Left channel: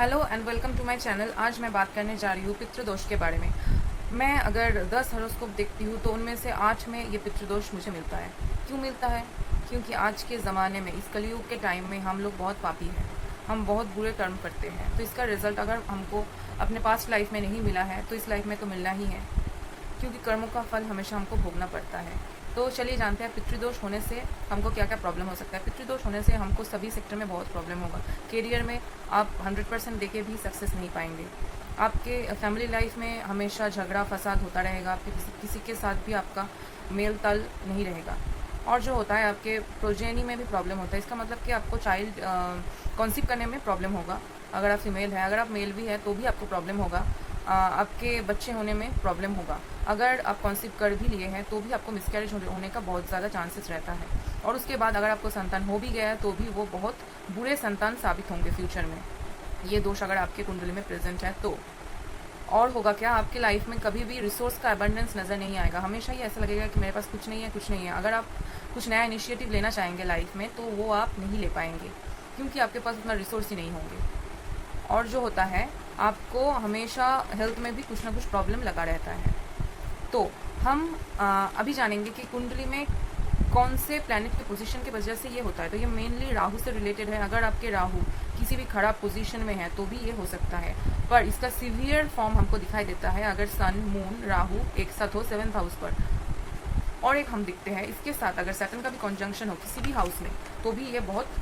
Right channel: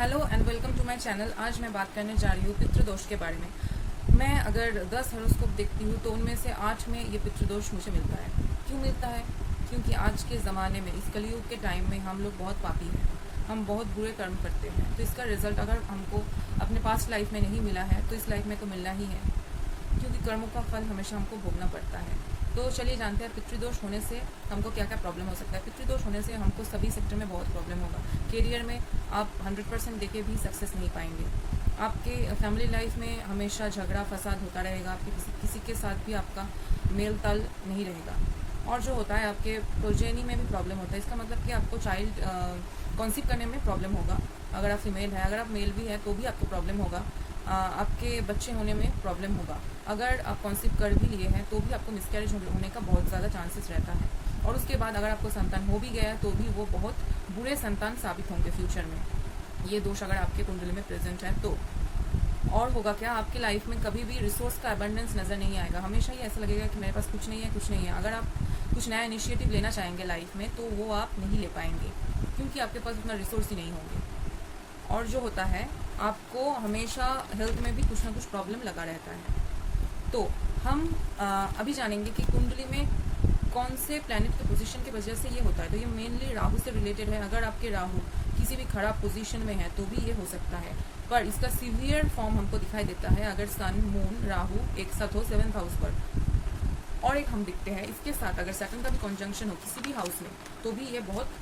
Hello and welcome to my channel. आज मैं बात करने जा रही हूँ पितृदोष के बारे में। मैं अगर 10 हॉरोस्कोप देखती हूँ तो उनमें से 8 में ये पितृदोष मुझे मिलता है। क्यों मिलता है? क्योंकि आज के ज़माने में, इस कलयुग के टाइम में हम लोग बहुत पापी हैं, हम बहुत बुरे कर्म करते हैं। तो इसका रिजल्ट अगर हमको अपने पास्ट लाइफ में नहीं मिला है तो इस लाइफ में तो मिलना ही है, क्योंकि कर्मों का फल हमेशा हमको भोगना पड़ता है। तो चलिए जानते हैं पितृदोष होने से हमको क्या क्या प्रॉब्लम हो सकता है। पितृदोष होने से हमको सभी सेक्टर में बहुत प्रॉब्लम होगा। करियर में आप 100% देके भी सक्सेस नहीं पाएंगे। आपके फैमिली लाइफ में हमेशा झगड़ा फसाद होता रहेगा। आपके किसी के साथ भी आपका मेल ताल नहीं रहेगा। और जो होता है आपके प्रोजेनी में भी प्रॉब्लम होता है। इसका मतलब कि आपको चाइल्ड कॉन्सीव करने में प्रॉब्लम होगा। अगर आप फीमेल है, अगर आप मेल भी है तो भी आपको प्रॉब्लम होगा। आपके बच्चे होने में प्रॉब्लम होगा। अगर आप कॉन्सीव कर भी लिए हैं तो भी आपको मिसकैरेज होने का बहुत ज़्यादा चांसेस रहता है। और उसके बाद अगर आपको संतान हो भी गया है तो भी वो बहुत बुरे संतान साबित होंगे फ्यूचर में, ये दोष अगर आपके कुंडली में प्रेजेंट है तो। और होगा क्या, आपके लाइफ में कभी भी रिसोर्स का अबंडेंस नजर नहीं आएगा। हमेशा ही ऐसा लगेगा कि मेरे पास कुछ नहीं है, कुछ नहीं है। अगर आप कुछ नया इनिशिएटिव लेना चाहेंगे लाइफ में तो वो आप नहीं ले पाएंगे, क्योंकि आपके पास उतना रिसोर्स ही नहीं होंगे। और जो होता है आपको हमेशा हेल्थ में भी कुछ ना कुछ प्रॉब्लम लगा रहता है। तो हम अभी जानेंगे कि कुंडली में कौन से प्लैनेट के पोजीशन की वजह से ये होता है। तो ये मेनली राहु से रिलेटेड है। अगर आपके राहु किसी भी खराब पोजीशन में है तो भी ये हो सकता है, पर इसका सीवियर फॉर्म हमको दिखाई देता है अगर सन मून राहु एक साथ हो 7th हाउस पर। और एक हम दिखते हैं इसके साथ अगर सैटर्न का भी कॉन्जंक्शन हो किसी भी हाउस में तो भी ये बहुत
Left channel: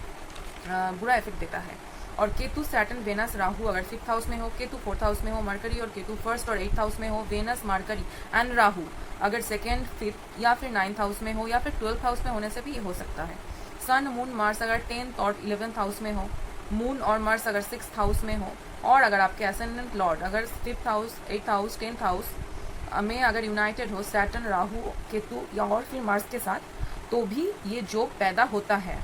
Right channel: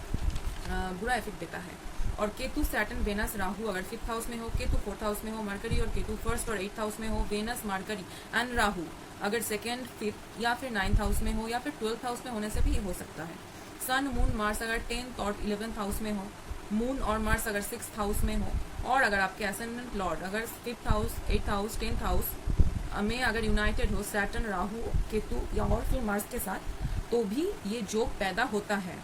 बुरा इफेक्ट देता है। और केतु सैटर्न वेनस राहु अगर 5th हाउस में हो, केतु 4th हाउस में हो, मरकरी और केतु 1st और 8th हाउस में हो, वेनस मरकरी एंड राहु अगर 2nd 5th या फिर 9th हाउस में हो या फिर 12th हाउस में होने से भी ये हो सकता है। सन मून मार्स अगर 10th और 11th हाउस में हो, मून और मार्स अगर 6th हाउस में हो, और अगर आपके असेंडेंट लॉर्ड अगर 5th house 8th house 10th house में अगर यूनाइटेड हो सैटर्न राहु केतु या और फिर मार्स के साथ, तो भी ये जोग पैदा होता है।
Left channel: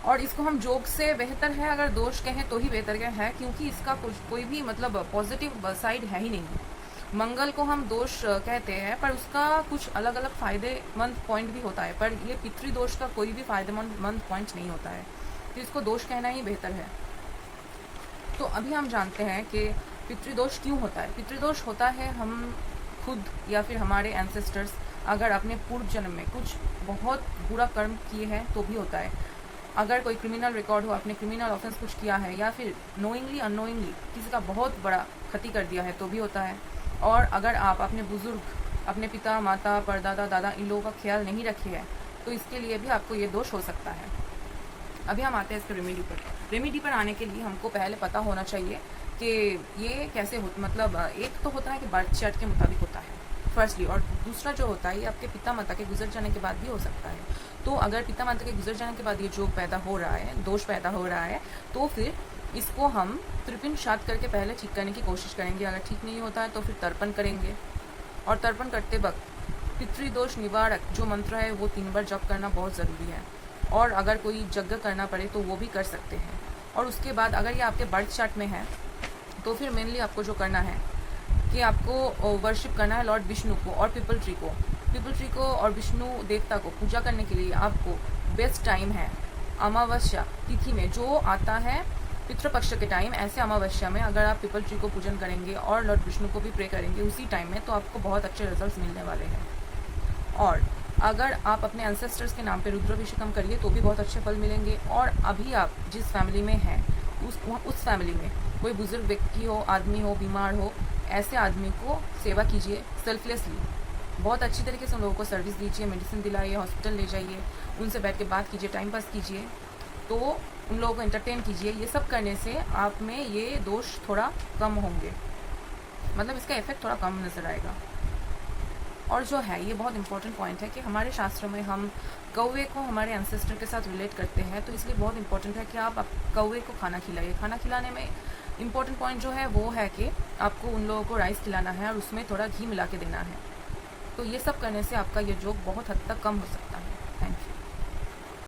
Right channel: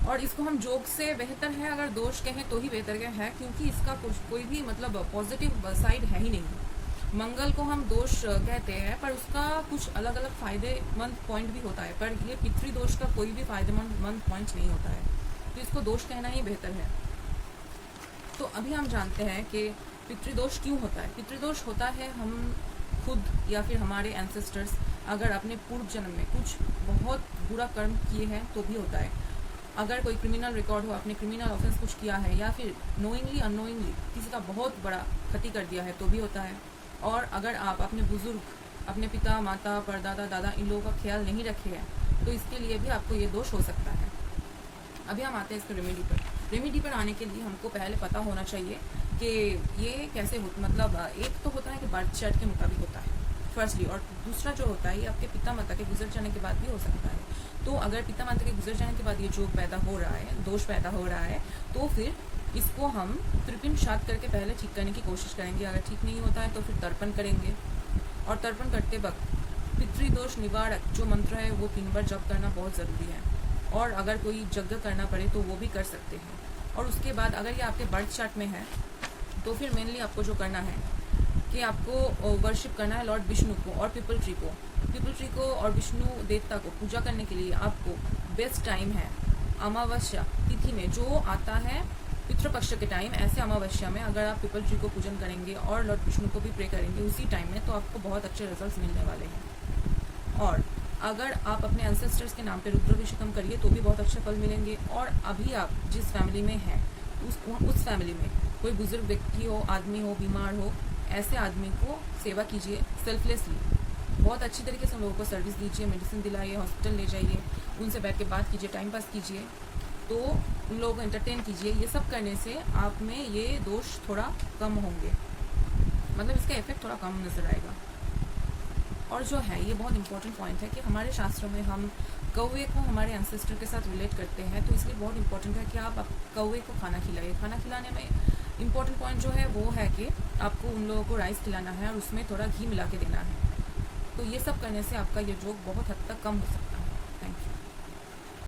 और इसको हम जोग से बेहतर है अगर दोष कहें तो ही बेहतर है, क्योंकि इसका कोई भी मतलब पॉजिटिव साइड है ही नहीं। मंगल को हम दोष कहते हैं पर उसका कुछ अलग अलग फायदेमंद पॉइंट भी होता है, पर ये पितृदोष का कोई भी फायदेमंद पॉइंट नहीं होता है, तो इसको दोष कहना ही बेहतर है। तो अभी हम जानते हैं कि पितृदोष क्यों होता है। पितृदोष होता है हम खुद या फिर हमारे एंसेस्टर्स अगर अपने पूर्व जन्म में कुछ बहुत बुरा कर्म किए हैं तो भी होता है। अगर कोई क्रिमिनल रिकॉर्ड हो, आपने क्रिमिनल ऑफेंस कुछ किया है या फिर नोइंगली अननोइंगली किसी का बहुत बड़ा क्षति कर दिया है तो भी होता है। और अगर आप अपने बुजुर्ग, अपने पिता माता परदादा दादा इन लोगों का ख्याल नहीं रखे हैं तो इसके लिए भी आपको ये दोष हो सकता है। अभी हम आते हैं इसके रेमेडी पर। रेमेडी पर आने के लिए हमको पहले पता होना चाहिए कि ये कैसे होता, मतलब एक तो होता है कि बर्थ चार्ट के मुताबिक होता है फर्स्टली, और दूसरा जो होता है ये आपके पिता माता के गुजर जाने के बाद भी हो सकता है। तो अगर पिता माता के गुजर जाने के बाद ये जो पैदा हो रहा है, दोष पैदा हो रहा है, तो फिर इसको हम त्रिपिंड श्राद्ध करके पहले ठीक करने की कोशिश करेंगे। अगर ठीक नहीं होता है तो फिर तर्पण करेंगे, और तर्पण करते वक्त पितृदोष निवारक जो मंत्र है वो 3 बार जप करना बहुत ज़रूरी है। और अगर कोई यज्ञ करना पड़े तो वो भी कर सकते हैं। और उसके बाद अगर ये आपके बर्थ चार्ट में है तो फिर मेनली आपको जो करना है कि आपको वर्शिप करना है लॉर्ड विष्णु को और पीपल ट्री को। पीपल ट्री को और विष्णु देवता को पूजा करने के लिए आपको बेस्ट टाइम है अमावस्या तिथि में जो आता है पितृपक्ष के टाइम। ऐसे अमावस्या में अगर आप पीपल ट्री को पूजन करेंगे और लॉर्ड विष्णु को भी प्रे करेंगे उसी टाइम में, तो आपको बहुत अच्छे रिजल्ट्स मिलने वाले हैं। और अगर आप अपने एंसेस्टर्स के नाम पे रुद्राभिषेकम करिए तो भी बहुत अच्छे फल मिलेंगे। और अभी आप जिस फैमिली में हैं उस फैमिली में कोई बुजुर्ग व्यक्ति हो, आदमी हो, बीमार हो, ऐसे आदमी को सेवा कीजिए सेल्फलेसली। बहुत अच्छी तरीके से उन लोगों को सर्विस दीजिए, मेडिसिन दिलाइए, हॉस्पिटल ले जाइए, उनसे बैठ के बात कीजिए, टाइम पास कीजिए, तो उन लोगों को एंटरटेन कीजिए। ये सब करने से आप में ये दोष थोड़ा कम होंगे, मतलब इसका इफेक्ट थोड़ा कम नजर आएगा। और जो है ये बहुत इंपॉर्टेंट पॉइंट है कि हमारे शास्त्रों में हम कौवे को हमारे एंसेस्टर के साथ रिलेट करते हैं, तो इसलिए बहुत इंपॉर्टेंट है कि आप कौवे को खाना खिलाइए। खाना खिलाने में इंपॉर्टेंट पॉइंट जो है वो है कि आपको उन लोगों को राइस खिलाना है और उसमें थोड़ा घी मिला के देना है। तो ये सब करने से आपका ये जोग बहुत हद तक कम हो सकता है। Thank you.